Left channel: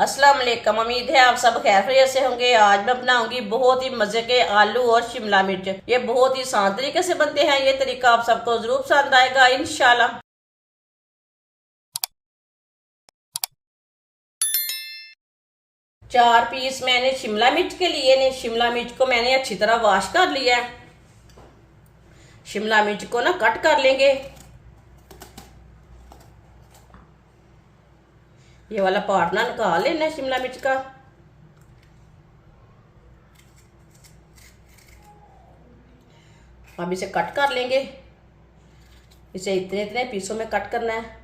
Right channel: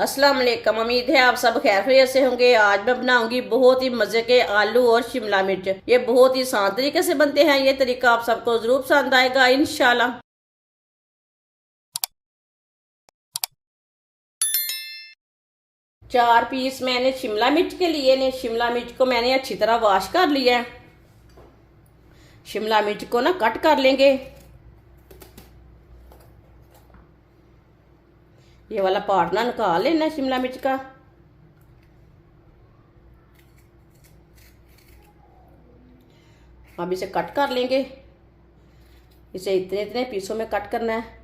अस्सलाम वालेकुम। उम्मीद है आप सब खैरियत से होंगे। आज मैं बनाऊंगी बहुत ही मजे के आलू और शिमला मिर्च। ये बहुत ही आसान तरीके से बनते हैं। ये तरीका आप सबको जरूर पसंद आएगा इंशाल्लाह। 4 पीस मैंने शिमला मिर्च के लिए ने। शिमला मिर्च को मैंने अच्छी तरह वॉश कर लिया है। शिमला मिर्च को ना कट कर लेंगे। ये वाला पार्ट ना निकाल लेना है शिमला मिर्च का। अब इसे कट कर लेंगे। इसे इतने इतने पीसों में कट करना है।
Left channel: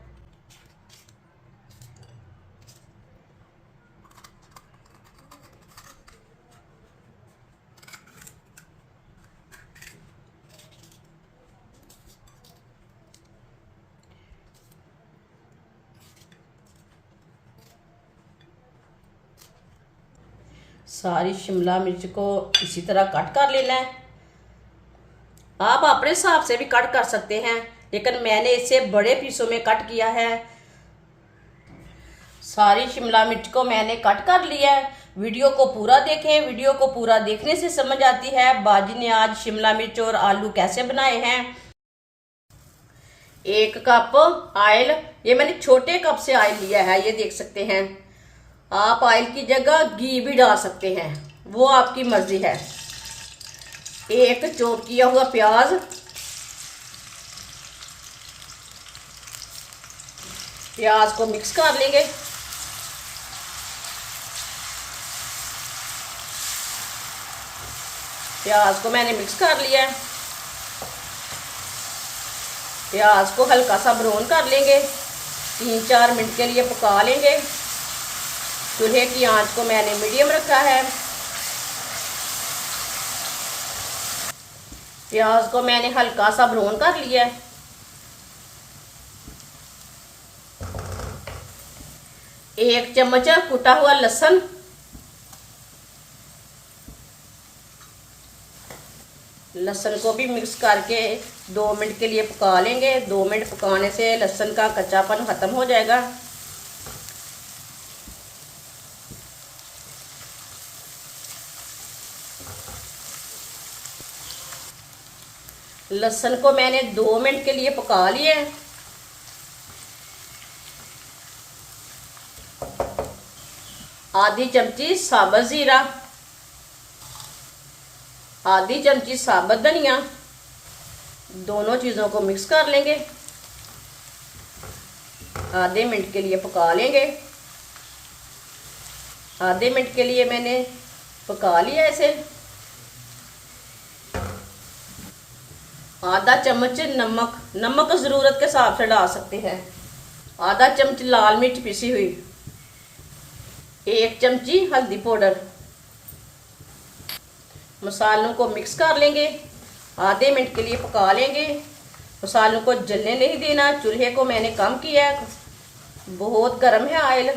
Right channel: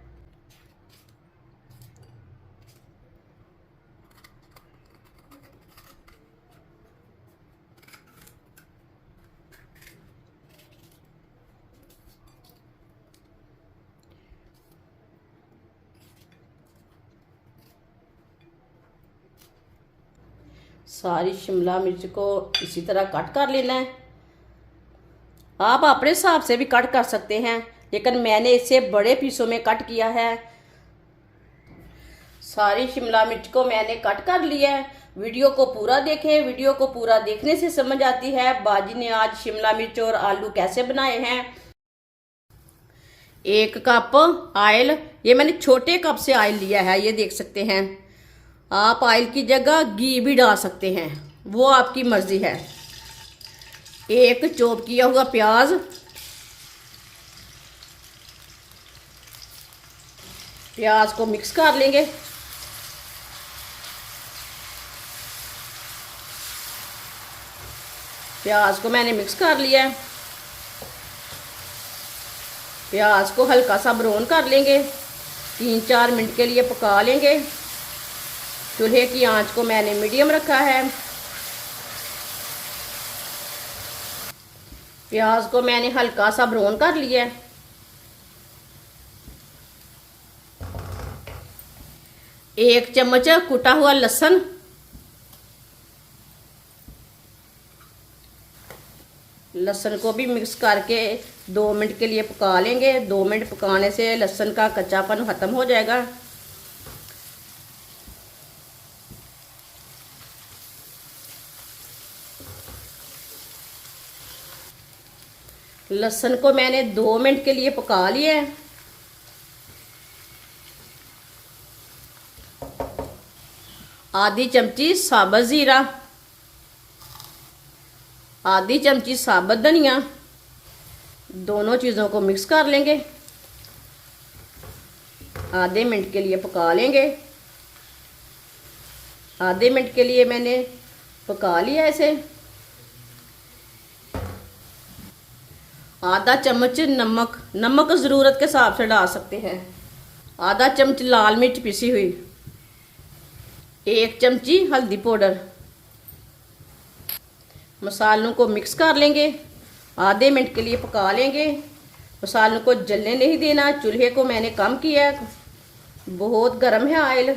सारी शिमला मिर्च को इसी तरह कट कर लेना है। आप अपने हिसाब से भी कट कर सकते हैं, लेकिन मैंने इसे बड़े पीसों में कट किया है। सारी शिमला मिर्च को मैंने कट कर लिया है। वीडियो को पूरा देखें। वीडियो को पूरा देखने से समझ आती है बाजी ने आज शिमला मिर्च और आलू कैसे बनाए हैं। 1 कप ऑयल, ये मैंने छोटे कप से ऑयल लिया है, ये देख सकते हैं। आप ऑयल की जगह घी भी डाल सकते हैं, वो आपकी मर्जी है। 1 चॉप किया हुआ प्याज, प्याज को मिक्स कर लेंगे। प्याज को मैंने मिक्स कर लिया है। प्याज को हल्का सा ब्राउन कर लेंगे। 3-4 मिनट के लिए पका लेंगे। चूल्हे की आंच को मैंने मीडियम रखा है। प्याज को मैंने हल्का सा ब्राउन कर लिया है। एक चम्मच कुटा हुआ लहसुन, लहसुन को भी मिक्स करके 2 मिनट के लिए पका लेंगे। 2 मिनट पकाने से लहसुन का कच्चापन खत्म हो जाएगा। लहसुन को मैंने 2 मिनट के लिए पका लिया है। आधी चमची साबुत जीरा, आधी चमची साबुत धनिया, दोनों चीजों को मिक्स कर लेंगे। आधे मिनट के लिए पका लेंगे। आधे मिनट के लिए मैंने पका लिया इसे। आधा चम्मच नमक, नमक जरूरत के हिसाब से डाल सकते हैं। आधा चम्मच लाल मिर्च पिसी हुई, 1 चमची हल्दी पाउडर। मसालों को मिक्स कर लेंगे। आधे मिनट के लिए पका लेंगे। मसालों को जलने नहीं देना। चूल्हे को मैंने कम किया है, बहुत गर्म है ऑयल।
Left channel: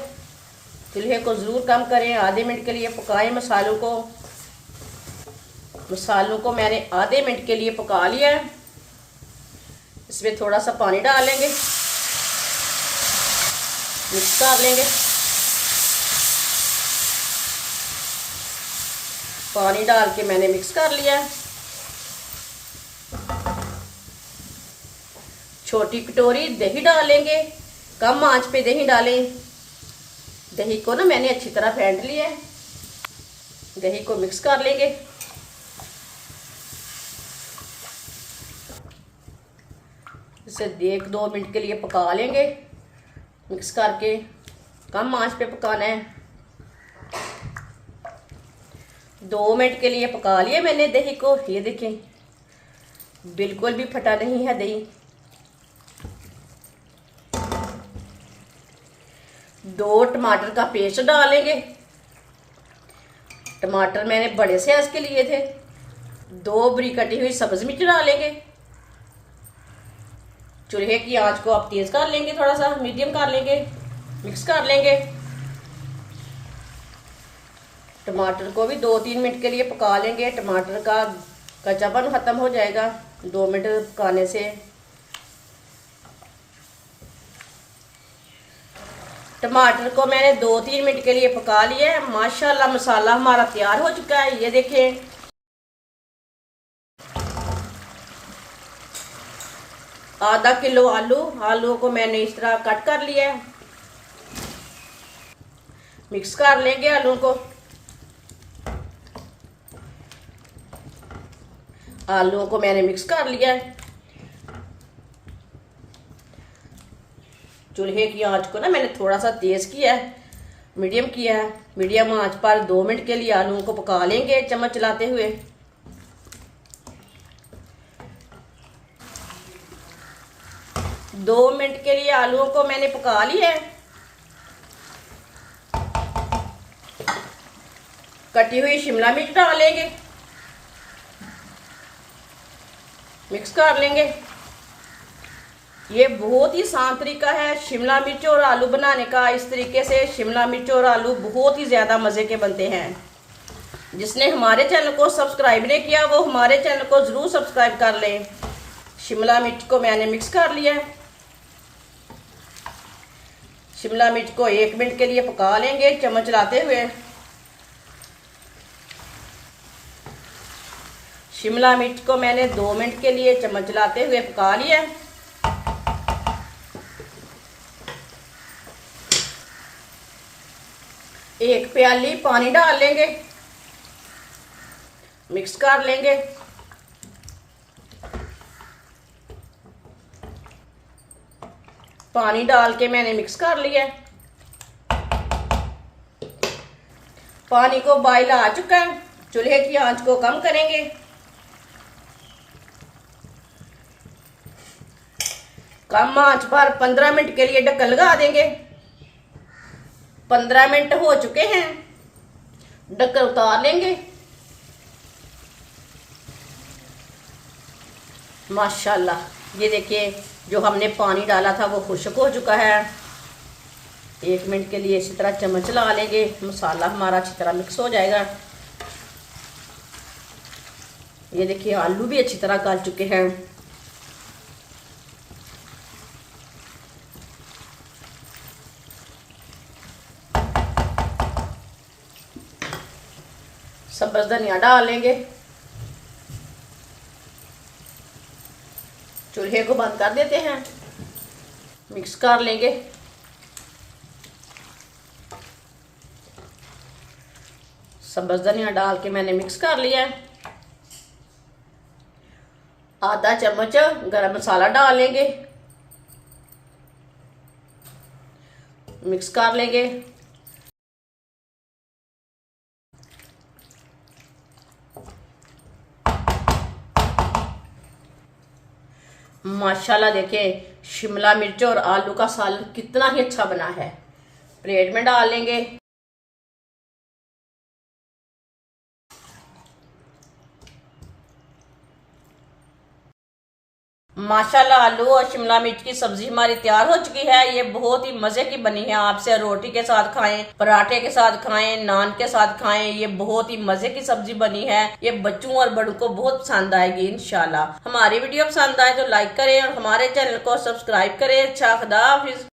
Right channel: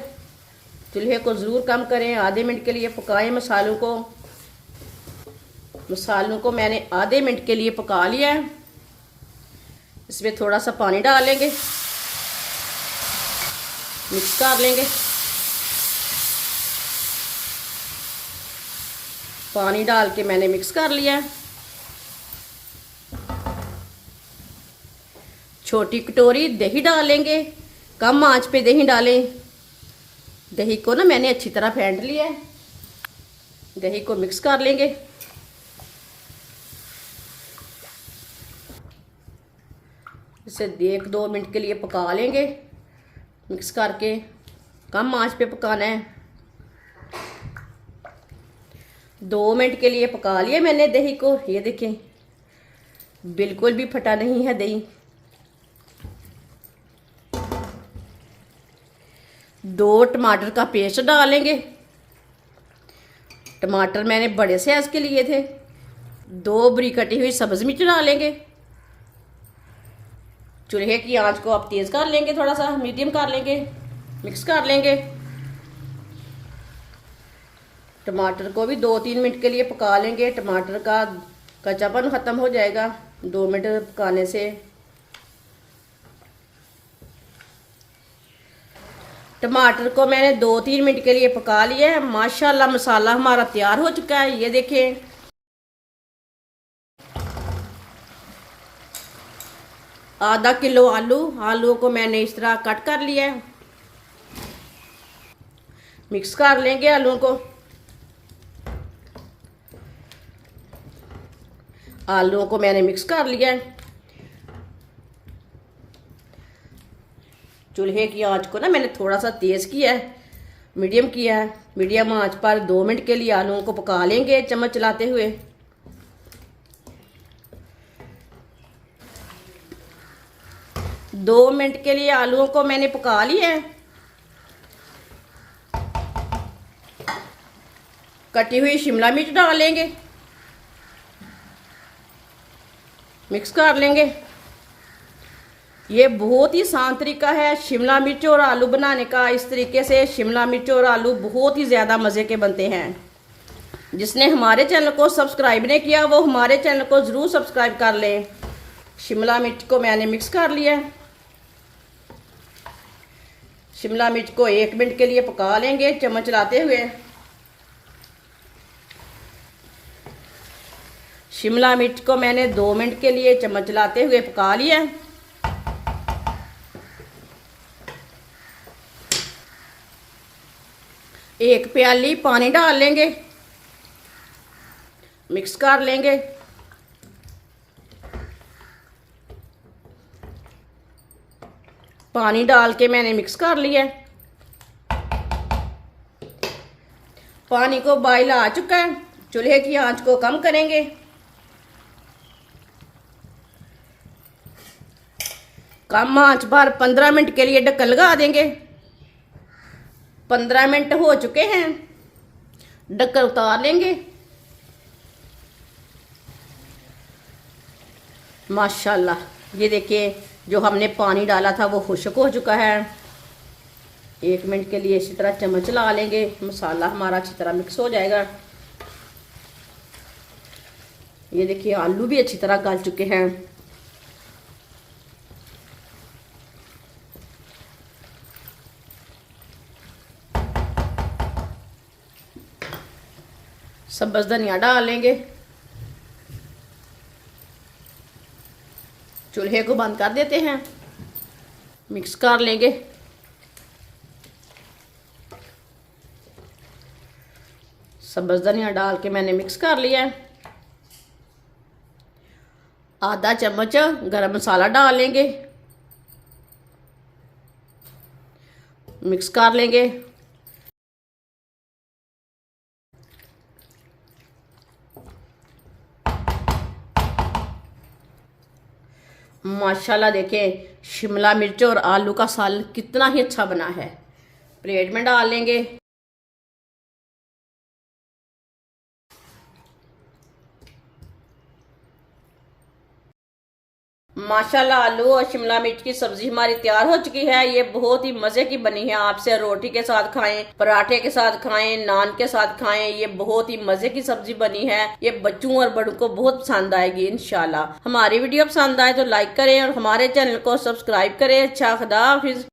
चूल्हे को जरूर कम करें। आधे मिनट के लिए पकाएं मसालों को। मसालों को मैंने आधे मिनट के लिए पका लिया है। इसमें थोड़ा सा पानी डाल लेंगे, मिक्स कर लेंगे। पानी डाल के मैंने मिक्स कर लिया। छोटी कटोरी दही डाल लेंगे। कम आंच पे दही डालें। दही को ना मैंने अच्छी तरह फेंट लिया है। दही को मिक्स कर लेंगे। इसे 1-2 मिनट के लिए पका लेंगे, मिक्स करके। कम आंच पे पकाना है। 2 मिनट के लिए पका लिया मैंने दही को। ये देखें, बिल्कुल भी फटा नहीं है दही। 2 टमाटर का पेस्ट डालेंगे। टमाटर मैंने बड़े साइज के लिए थे। 2 बारीक कटी हुई सब्ज मिर्च डालेंगे। चूल्हे की आंच को आप तेज कर लेंगे, थोड़ा सा मीडियम कर लेंगे। मिक्स कर लेंगे। टमाटर को भी 2-3 मिनट के लिए पका लेंगे। टमाटर का कच्चापन खत्म हो जाएगा 2 मिनट पकाने से। टमाटर को मैंने 2-3 मिनट के लिए पका लिया है। माशाल्लाह मसाला हमारा तैयार हो चुका है। ये देखिए, आधा किलो आलू को मैंने इस तरह कट कर लिया है। मिक्स कर लेंगे आलू को। आलूओं को मैंने मिक्स कर लिया है। चूल्हे की आंच को ना मैंने थोड़ा सा तेज किया है, मीडियम किया है। मीडियम आंच पर 2 मिनट के लिए आलूओं को पका लेंगे चम्मच चलाते हुए। 2 मिनट के लिए आलूओं को मैंने पका लिया है। कटी हुई शिमला मिर्च डालेंगे, मिक्स कर लेंगे। ये बहुत ही आसान तरीका है शिमला मिर्च और आलू बनाने का। इस तरीके से शिमला मिर्च और आलू बहुत ही ज़्यादा मज़े के बनते हैं। जिसने हमारे चैनल को सब्सक्राइब नहीं किया वो हमारे चैनल को ज़रूर सब्सक्राइब कर लें। शिमला मिर्च को मैंने मिक्स कर लिया है। शिमला मिर्च को 1 मिनट के लिए पका लेंगे चम्मच चलाते हुए। शिमला मिर्च को मैंने 2 मिनट के लिए चम्मच चलाते हुए पका लिया। 1 प्याली पानी डाल लेंगे, मिक्स कर लेंगे। पानी डाल के मैंने मिक्स कर लिया। पानी को बॉयल आ चुका है। चूल्हे की आंच को कम करेंगे। कम आंच पर 15 मिनट के लिए ढक्कन लगा देंगे। 15 मिनट हो चुके हैं, ढक्कन उतार लेंगे। माशाल्लाह, ये देखिए जो हमने पानी डाला था वो खुश्क हो चुका है। 1 मिनट के लिए इसी तरह चम्मच चला लेंगे। मसाला हमारा अच्छी तरह मिक्स हो जाएगा। ये देखिए आलू भी अच्छी तरह गल चुके हैं। सब्ज़ धनिया डाल लेंगे। चूल्हे को बंद कर देते हैं, मिक्स कर लेंगे। सब्ज़ धनिया डाल के मैंने मिक्स कर लिया है। आधा चम्मच गरम मसाला डाल लेंगे, मिक्स कर लेंगे। माशाल्लाह देखिए शिमला मिर्च और आलू का सालन कितना ही अच्छा बना है। प्लेट में डाल लेंगे। माशाल्लाह आलू और शिमला मिर्च की सब्जी हमारी तैयार हो चुकी है। ये बहुत ही मजे की बनी है। आपसे रोटी के साथ खाएं, पराठे के साथ खाएं, नान के साथ खाएं। ये बहुत ही मजे की सब्जी बनी है। ये बच्चों और बड़ों को बहुत पसंद आएगी इंशाल्लाह। हमारी वीडियो पसंद आए तो लाइक करें और हमारे चैनल को सब्सक्राइब करें। अच्छा, खुदा हाफिज।